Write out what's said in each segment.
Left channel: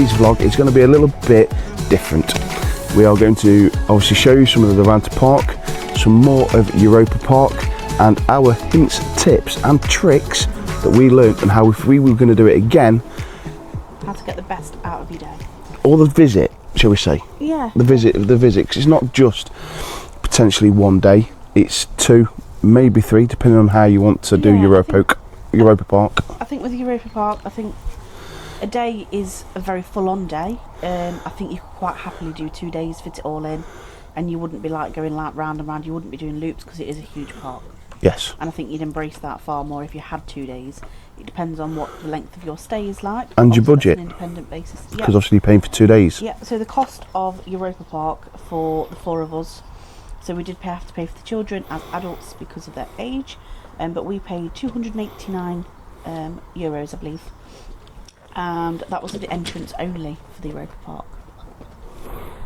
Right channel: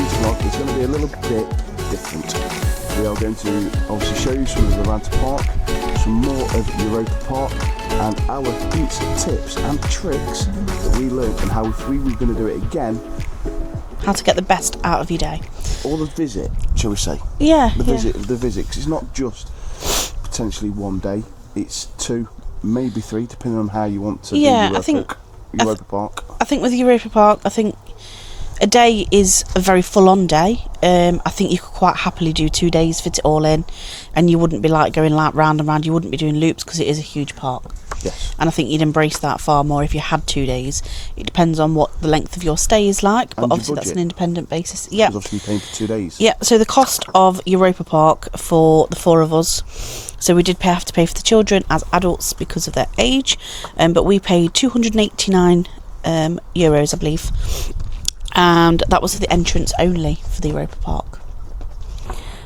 today's vlog is going to be a little bit different. We are going to obviously show you some of the Rulantica Park, some more of Europa Park, and our hints, tips and tricks that we learned, and how if we were going to do it again, how to get the best out of your day. Or the visit, shall we say? Yeah. The visit, because it's not just potentially one day, it's 2, maybe 3, depending on how you want to do Europa Park. I think with Europa Park, I think a day is a very full-on day. I think you could quite happily do 2 days, fit it all in, and you wouldn't be like going like round and round. You wouldn't be doing loops because it is a huge park. Yes. And I think you'd embrace that far more if you had 2 days. It depends on what the length of your stay is like. And your budget. That's an independent basis. Yeah. Because obviously you're paying for 2 days. Yeah, so the cost of Europa Park for the 4 of us, so we did have to pay for the children as adults because of their age, but we paid €289, I believe, and that was the entrance only for the Europa Park.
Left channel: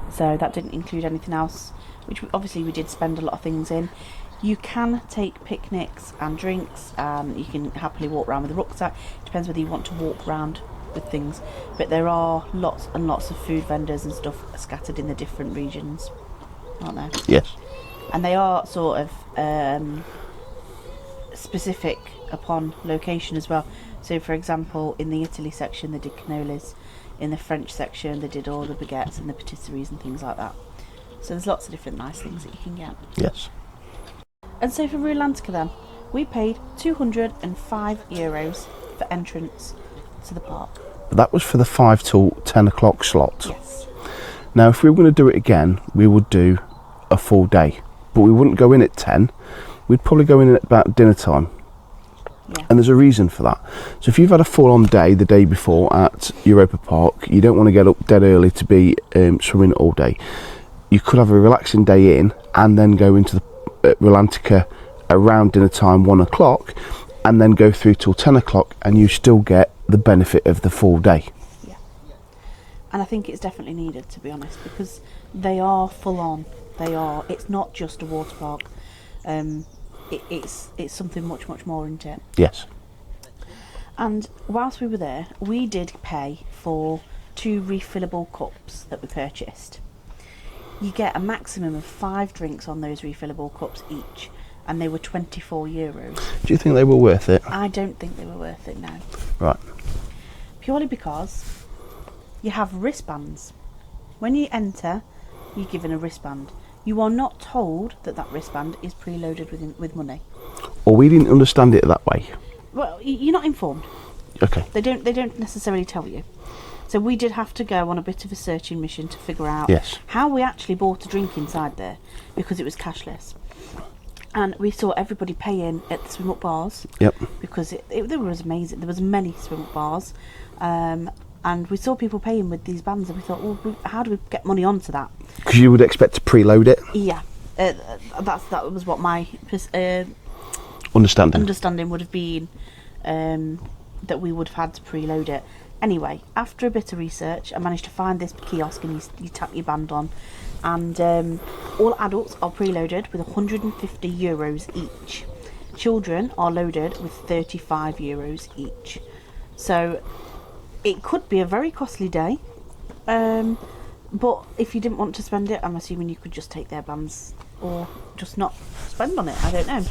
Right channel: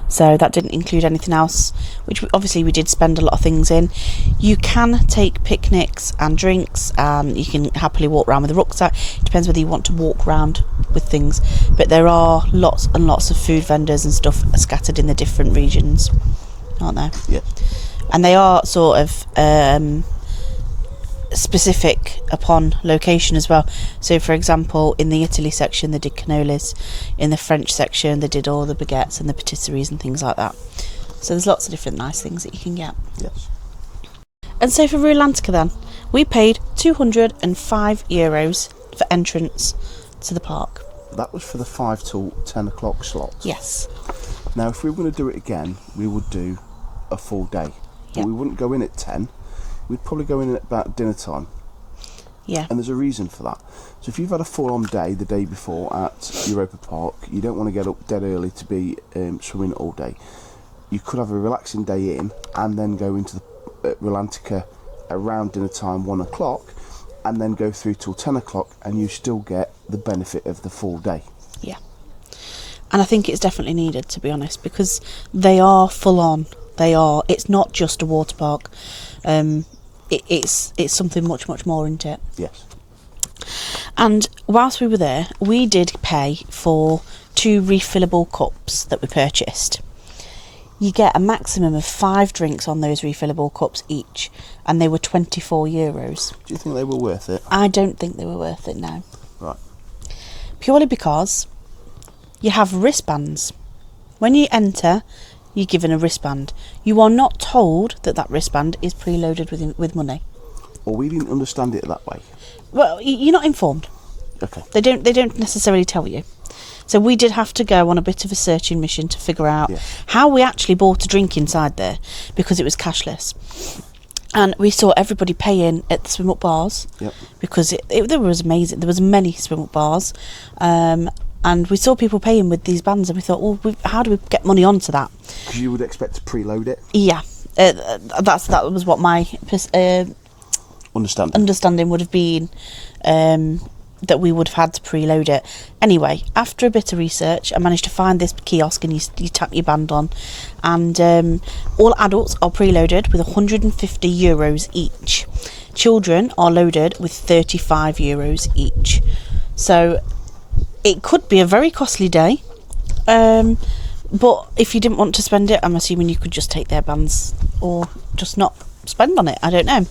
So that didn't include anything else, which obviously we did spend a lot of things in. You can take picnics and drinks, and you can happily walk around with a rucksack. It depends whether you want to walk around with things, but there are lots and lots of food vendors and stuff scattered in the different regions, aren't there? Yes. And they are sort of specific upon location as well. So for example, in the Italy section they did cannolis, in the French section they did all the baguettes and the patisseries and things like that. So there's lots of different nice things that you can get. Yes. And so for Rulantica then, we paid €205 for entrance to the park. That was for the 5 till 10 o'clock slot. Yes. Now if we were going to do it again, we would do a full day, but we wouldn't go in at 10. We'd probably go in at about dinner time. Yeah. And there's a reason for that. So if you've had a full-on day the day before at Europa Park, you don't want to get up dead early to be swimming all day. You could have a relaxing day in and then go into the Rulantica around dinner time, 1 o'clock, and then go through till 10 o'clock, and you still get the benefit of the full day. Yeah. And I think it's definitely needed, to be honest, because they are full-on. It's not just a water park. It's something much more, isn't it? Yes. And whilst we were there, we did pay for 2 refillable cups that we purchased. You get a maximum of 5 drinks on those refillable cups each, and they were €24. Do you think they were worth it? I don't think they were worth it, no. Right. Purely because you have wristbands. When you enter, you're given a wristband. You are not told that that wristband is preloaded with money. Or we didn't understand it that way. Well, you're not informed. Okay. They don't necessarily tell you. So we did have to go on a bit of a searching mission to figure out how we actually bought a drink inside there, because it was cashless. And we saw everybody paying at the swim-up bars. Yep. Because it was amazing. There was many swim-up bars. And we saw people paying with these bands, and we thought, well, how do we get money onto that? Because you would expect to preload it. Yeah, that was what my understanding would have been, that we would have had to preload it. Anyway, after a bit of research, I managed to find this kiosk, and you tap your band on, and all adults are preloaded with €150 each. Children are loaded with €35 each. So it could be a very costly day, but if you didn't want to spend it, I'm assuming you could just take their bands or just not spend on it. I don't know.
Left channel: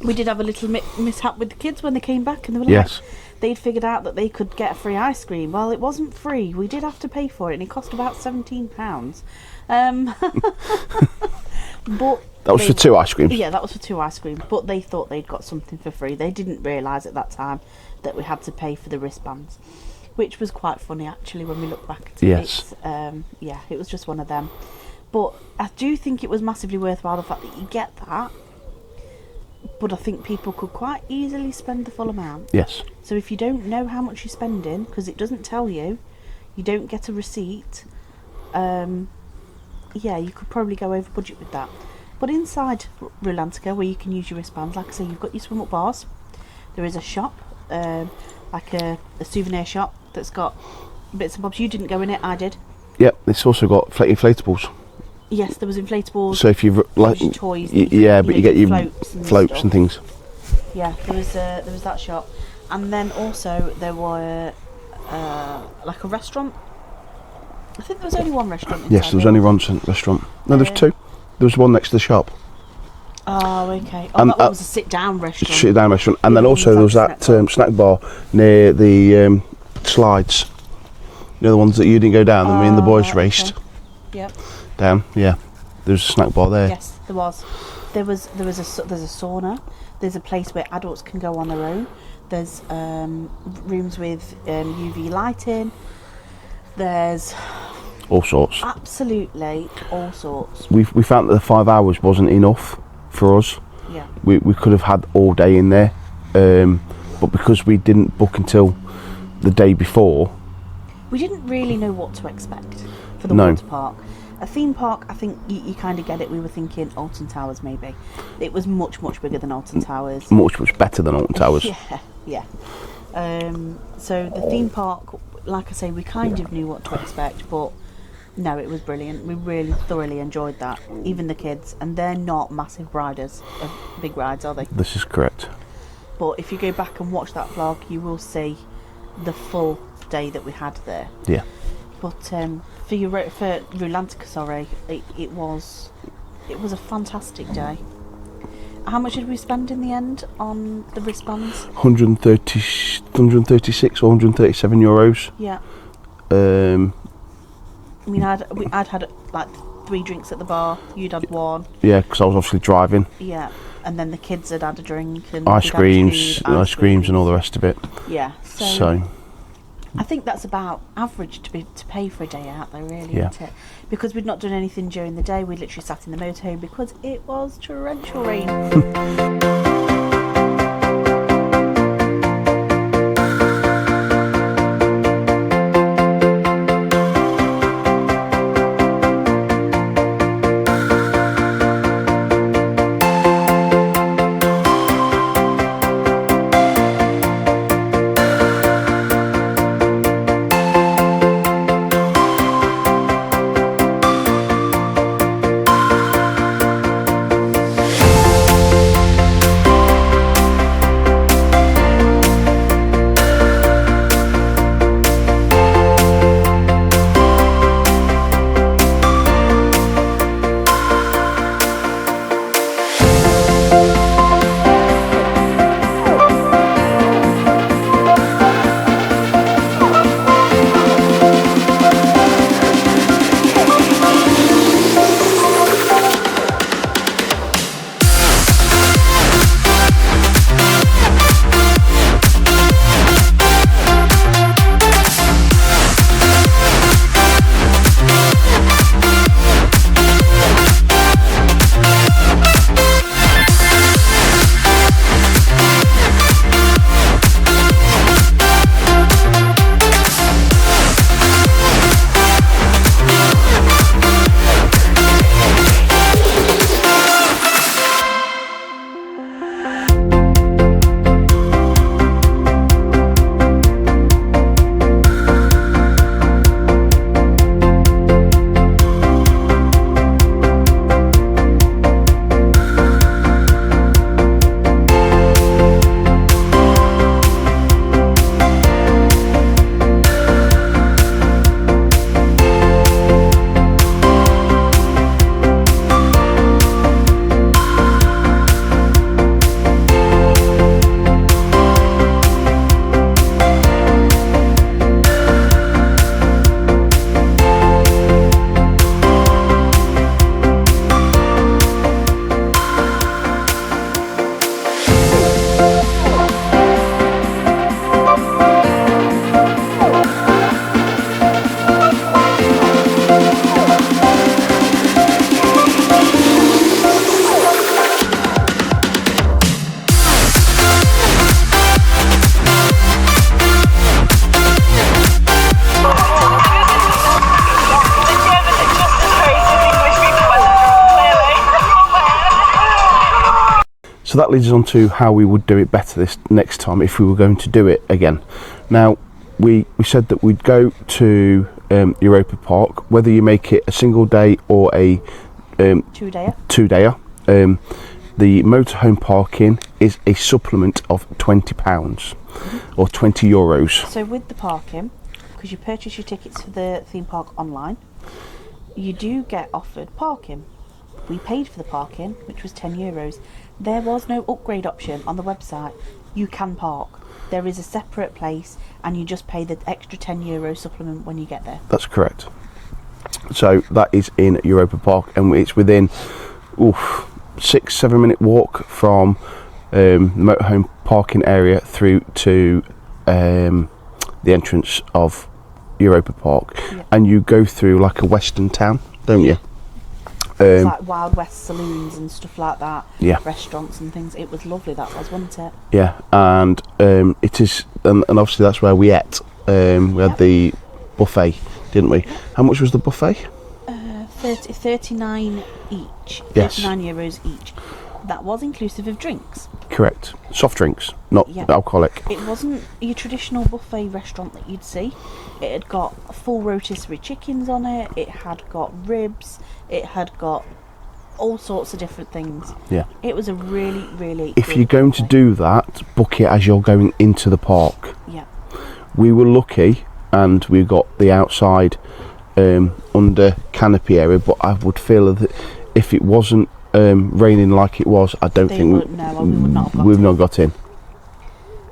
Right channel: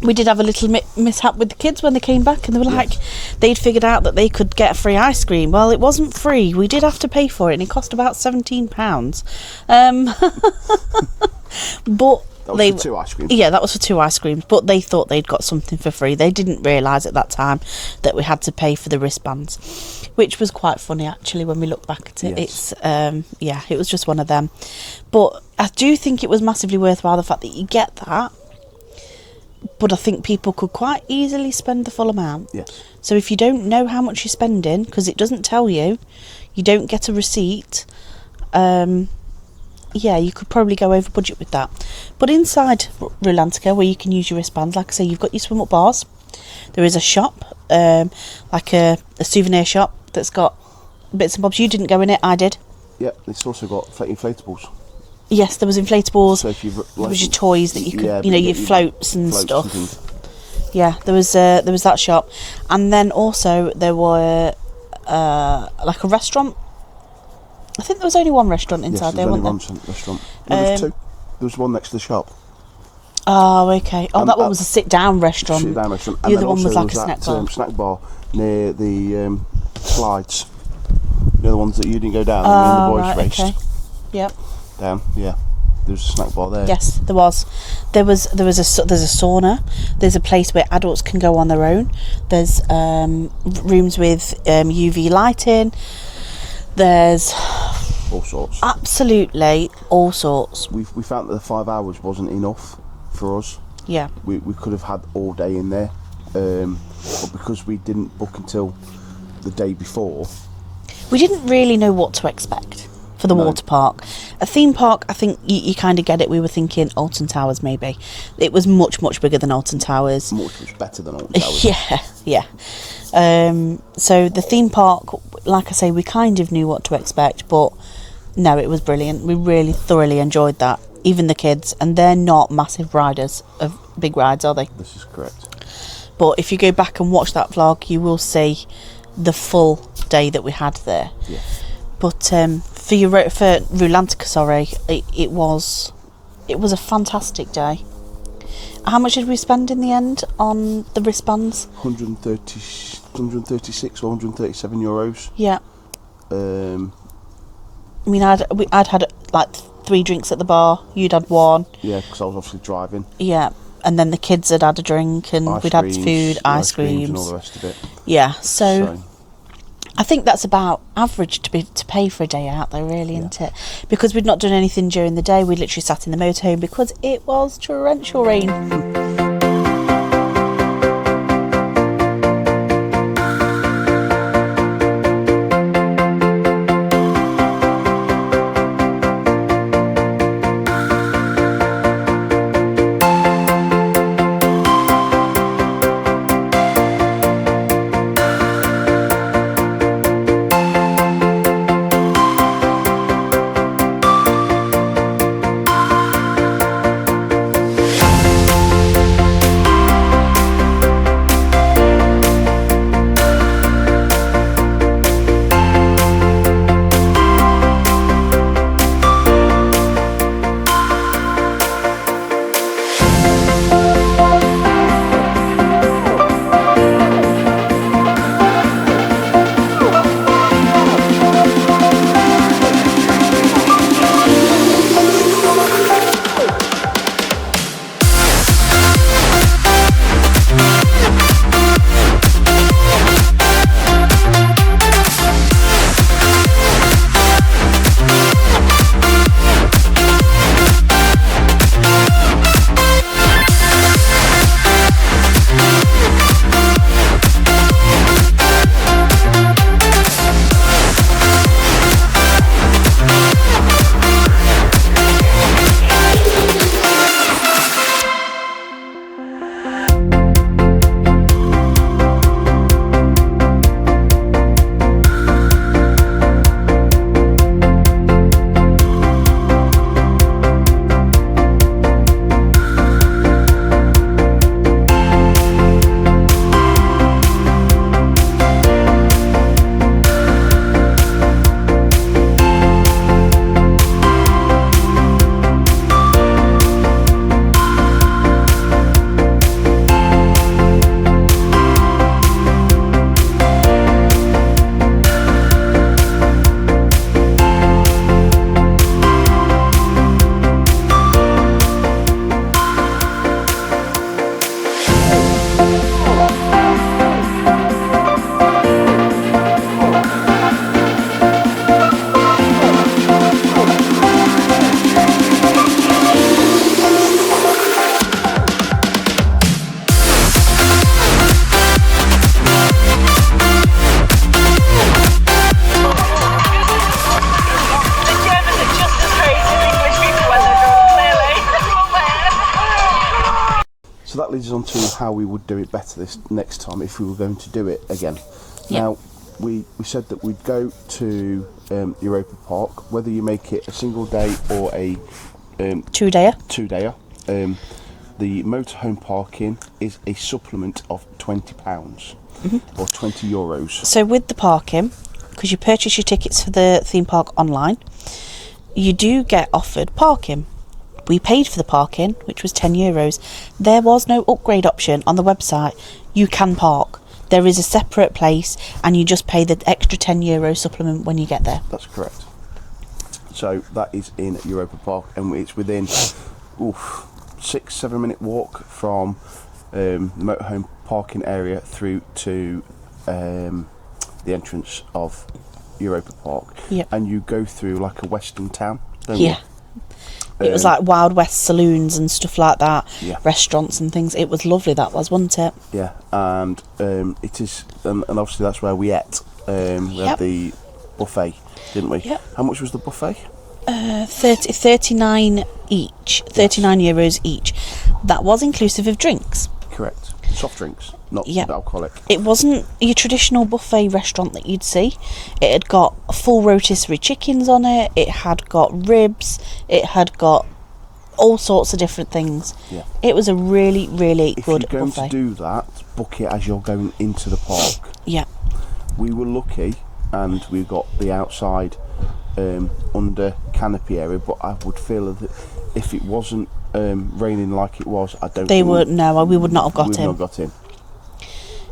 We did have a little mishap with the kids when they came back, and they were like, they'd figured out that they could get a free ice cream. Well, it wasn't free. We did have to pay for it, and it cost about £17. But that was for 2 ice creams. Yeah, that was for 2 ice creams, but they thought they'd got something for free. They didn't realise at that time that we had to pay for the wristbands, which was quite funny actually when we look back at it. Yes. It was just one of them. But I do think it was massively worthwhile, the fact that you get that. But I think people could quite easily spend the full amount. Yes. So if you don't know how much you're spending, because it doesn't tell you, you don't get a receipt, you could probably go over budget with that. But inside Rulantica, where you can use your wristbands, like I say, you've got your swim-up bars. There is a shop, like a souvenir shop that's got bits and bobs. You didn't go in it, I did. Yep, it's also got inflatables. Yes, there was inflatables. So if you've like your toys, that you could, you get floats and stuff. And things. Yeah, there was that shop, and then also there were like a restaurant. I think there was only one restaurant inside. Yes, there was only one restaurant. No, there was two. There was one next to the shop. Oh, okay. Oh, and that one was a sit-down restaurant. Sit-down restaurant. And then also there was that snack bar near the slides. You know, the ones that you didn't go down, me and the boys raced. Okay. Yep. Down, yeah. There's a snack bar there. Yes, there was. There's a sauna. There's a place where adults can go on their own. There's rooms with UV lighting. There's all sorts. Absolutely all sorts. We found that the 5 hours wasn't enough for us. Yeah. We could have had all day in there, but because we didn't book until the day before, we didn't really know what to expect for the water park. A theme park, I think you kind of get it. We were thinking Alton Towers maybe. It was much bigger than Alton Towers. Much better than Alton Towers. Yeah. So the theme park, like I say, we kind of knew what to expect, but no, it was brilliant. We really thoroughly enjoyed that. Even the kids, and they're not massive riders of big rides, are they? This is correct. But if you go back and watch that vlog, you will see the full day that we had there. Yeah. But for Rulantica, it was a fantastic day. How much did we spend in the end on the wristbands? 136 or 137 euros. Yeah. I mean, I'd had like 3 drinks at the bar. You'd had 1. Yeah, because I was obviously driving. Yeah, and then the kids had had a drink and ice creams and all the rest of it. Yeah, so I think that's about average to pay for a day out, though, really, isn't it? Because we'd not done anything during the day. We literally sat in the motorhome because it was torrential rain. So that leads us on to how we would do it better this next time if we were going to do it again. Now, we said that we'd go to Europa Park, whether you make it a single day or a two-dayer. The the motorhome parking is a supplement of £20 or €20. So with the parking, because you purchase your tickets for the theme park online, you do get offered parking. We paid for the parking, which was €10. There was no upgrade option on the website. You can park. There is a separate place, and you just pay the extra €10 supplement when you get there. That's correct. So that is in Europa Park, and it's within 6-7 minute walk from the motorhome parking area through to the entrance of Europa Park. Yep. And you go through like a western town, don't you? It was like Wild West saloons and stuff like that. Yeah. Restaurants and things. It was lovely, that was, wasn't it? Yeah, and it is, and obviously that's where we ate. We had the buffet, didn't we? Yep. How much was the buffet? 39 each. €39 each. That was inclusive of drinks. Correct. Soft drinks, not alcoholic. It wasn't your traditional buffet restaurant that you'd see. It had got full rotisserie chickens on it. It had got ribs. It had got all sorts of different things. Yeah. It was a really, really if good you're going buffet. to do that, book it as you're going into the park. Yeah. We were lucky, and we got the outside under canopy area, but I would feel that if it wasn't raining like it was, I don't think we would not have got in. We've not got in.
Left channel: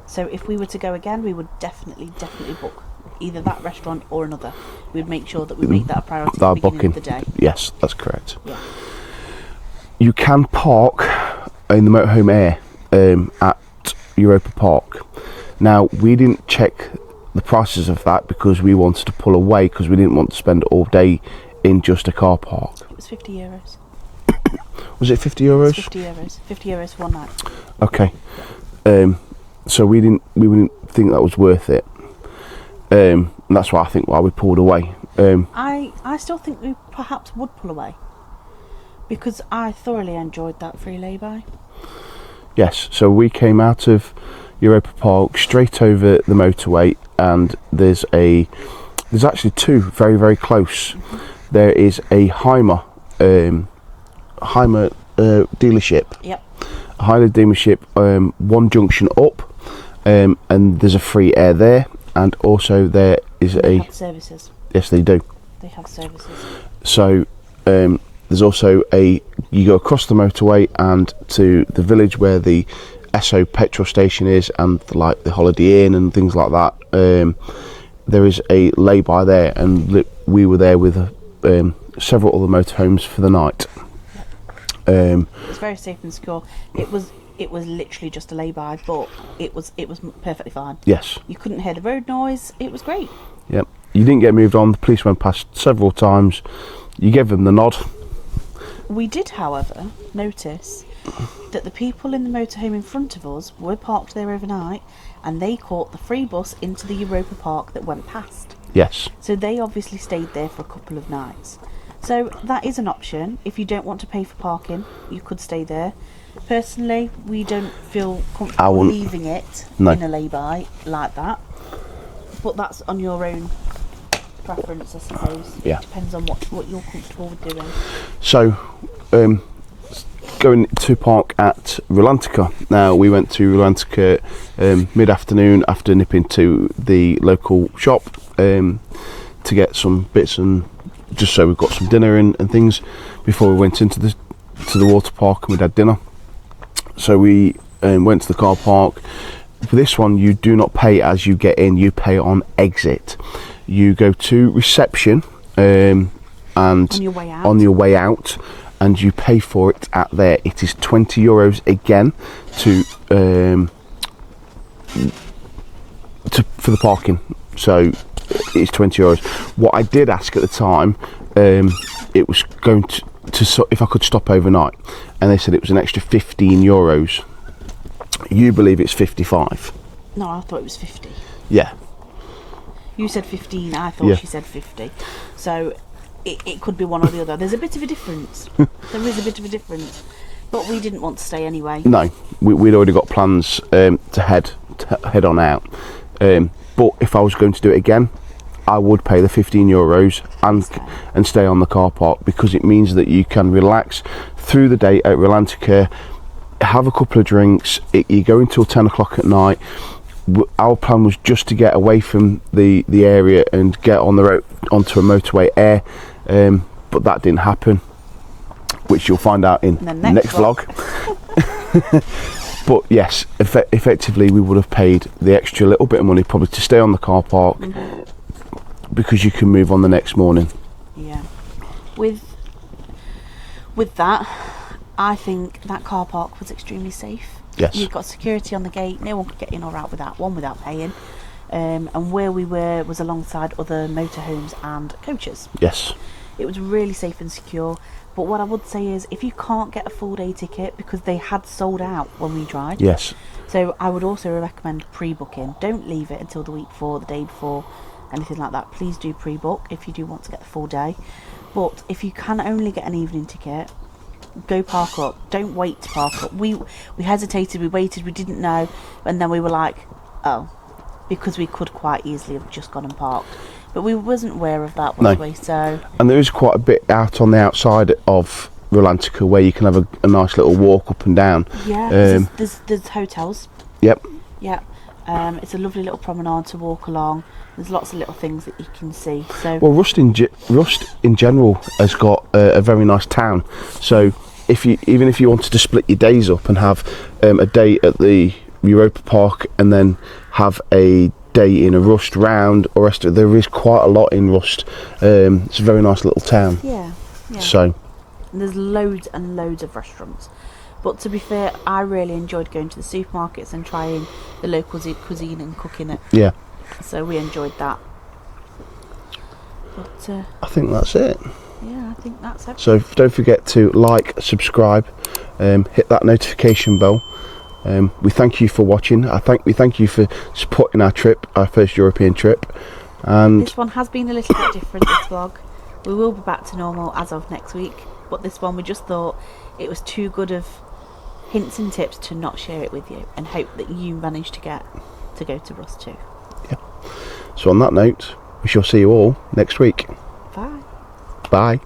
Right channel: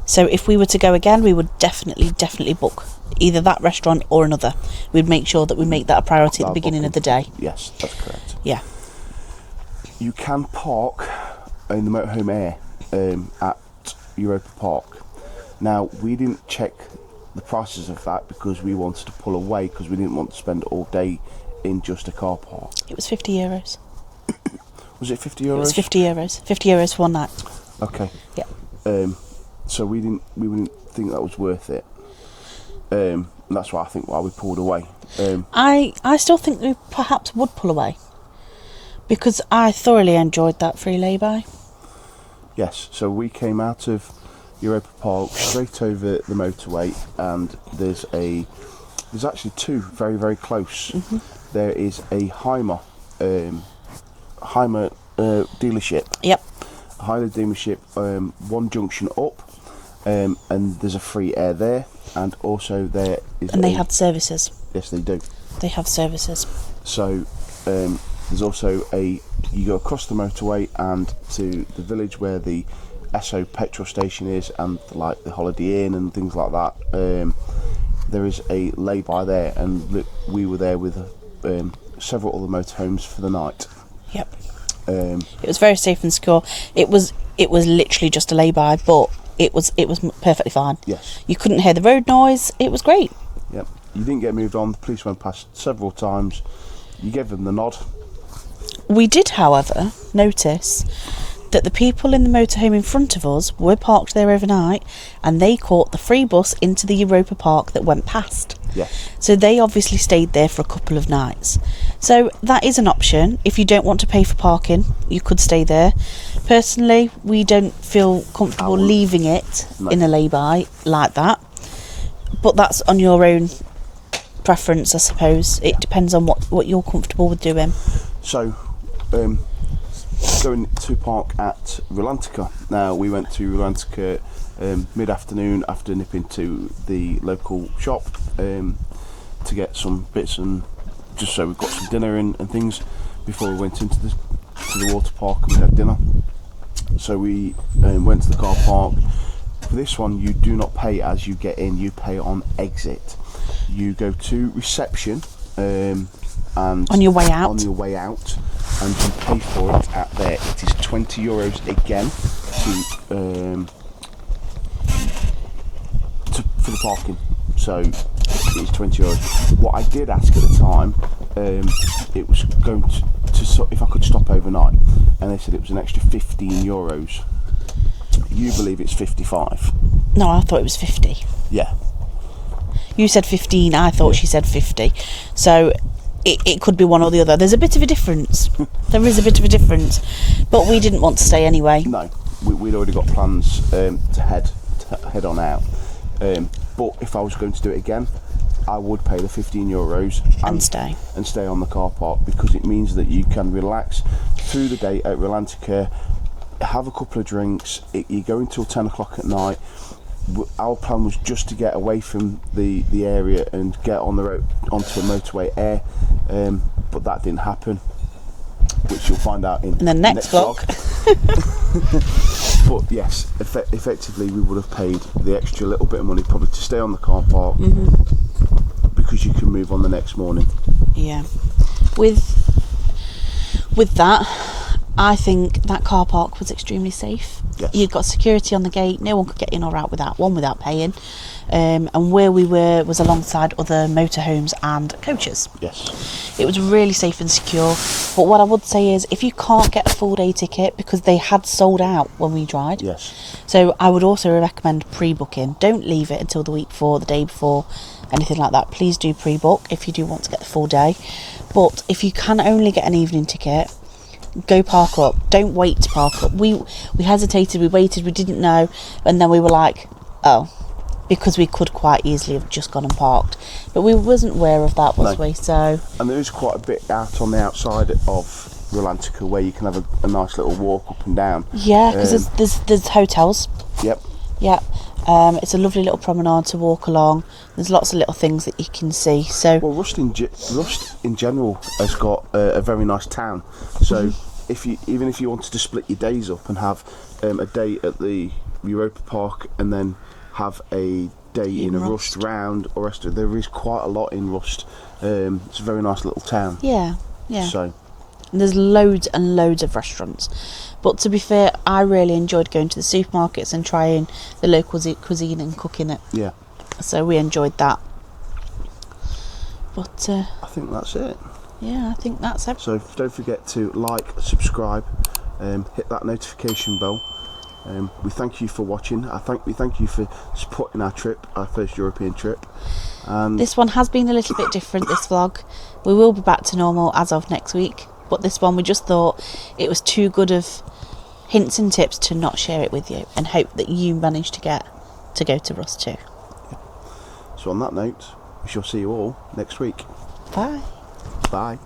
So if we were to go again, we would definitely book either that restaurant or another. We'd make sure that we make that a priority at the beginning of the day. Yes, that's correct. Yeah. You can park in the motorhome air at Europa Park. Now, we didn't check the prices of that because we wanted to pull away, because we didn't want to spend all day in just a car park. It was €50. Was it €50? It was €50. €50 for one night. Okay. Yeah. So we didn't think that was worth it. And that's why I think why we pulled away. I still think we perhaps would pull away, because I thoroughly enjoyed that free lay-by. Yes. So we came out of Europa Park straight over the motorway, and there's actually two very, very close. Mm-hmm. There is a Heimer dealership. Yep. A Heimer dealership, one junction up, and there's a free air there, and also there is and they have services. Yes, they do. They have services. So there's also you go across the motorway and to the village where the Esso petrol station is, and like the Holiday Inn and things like that. There is a lay-by there, and we were there with several other motorhomes for the night. Yep. It was very safe and secure. It was literally just a lay-by, but it was perfectly fine. Yes. You couldn't hear the road noise. It was great. Yep. You didn't get moved on. The police went past several times. You gave them the nod. We did, however, notice that the people in the motorhome in front of us were parked there overnight, and they caught the free bus into the Europa Park that went past. Yes. So they obviously stayed there for a couple of nights. So that is an option. If you don't want to pay for parking, you could stay there. Personally, we don't feel comfortable leaving it in a lay-by like that. But that's on your own preference, I suppose. It depends on what you're comfortable with doing. So, going to park at Rulantica. Now, we went to Rulantica mid-afternoon after nipping to the local shop to get some bits, and just so we've got some dinner and things before we went into the water park, and we'd had dinner. So we went to the car park. For this one, you do not pay as you get in, you pay on exit. You go to reception and on your way out, and you pay for it at there. It is €20 again for the parking. So it's €20. What I did ask at the time, it was going to if I could stop overnight, and they said it was an extra €15. You believe it's 55? No, I thought it was 50. Yeah. You said 15, I thought she said 50. So it could be one or the other. There's a bit of a difference. There is a bit of a difference. But we didn't want to stay anyway. No, we'd already got plans to head on out. But if I was going to do it again, I would pay the €15 and stay on the car park, because it means that you can relax through the day at Rulantica, have a couple of drinks. You go until 10 o'clock at night. Our plan was just to get away from the area and get on the road onto a motorway air, but that didn't happen, which you'll find out in the next vlog. But yes, effectively we would have paid the extra little bit of money probably to stay on the car park, because you can move on the next morning. Yeah, with that, I think that car park was extremely safe. Yes. You've got security on the gate. No one could get in or out without paying. And where we were was alongside other motorhomes and coaches. Yes. It was really safe and secure. But what I would say is, if you can't get a full day ticket, because they had sold out when we tried. Yes. So I would also recommend pre-booking. Don't leave it until the week before, the day before, anything like that. Please do pre-book if you do want to get the full day. But if you can only get an evening ticket, go park up. Don't wait to park up. We hesitated, we waited, we didn't know, and then we were like, oh, because we could quite easily have just gone and parked, but we wasn't aware of that, was we? So, and there is quite a bit out on the outside of Rulantica where you can have a nice little walk up and down. Yeah, because there's hotels. Yep. Yeah. It's a lovely little promenade to walk along. There's lots of little things that you can see. So, well, Rust in general has got a very nice town. So even if you wanted to split your days up and have a day at the Europa Park and then have a day in a Rust round, or there is quite a lot in Rust. It's a very nice little town. Yeah. So, and there's loads and loads of restaurants. But to be fair, I really enjoyed going to the supermarkets and trying the local cuisine and cooking it. Yeah. So we enjoyed that. But I think that's it. Yeah, I think that's everything. So don't forget to like, subscribe, hit that notification bell. We thank you for watching. We thank you for supporting our trip, our first European trip. And this one has been a little bit different, this vlog. We will be back to normal as of next week. But this one, we just thought it was too good of hints and tips to not share it with you, and hope that you manage to get to go to Rust too. Yeah. So on that note, we shall see you all next week. Bye. Bye.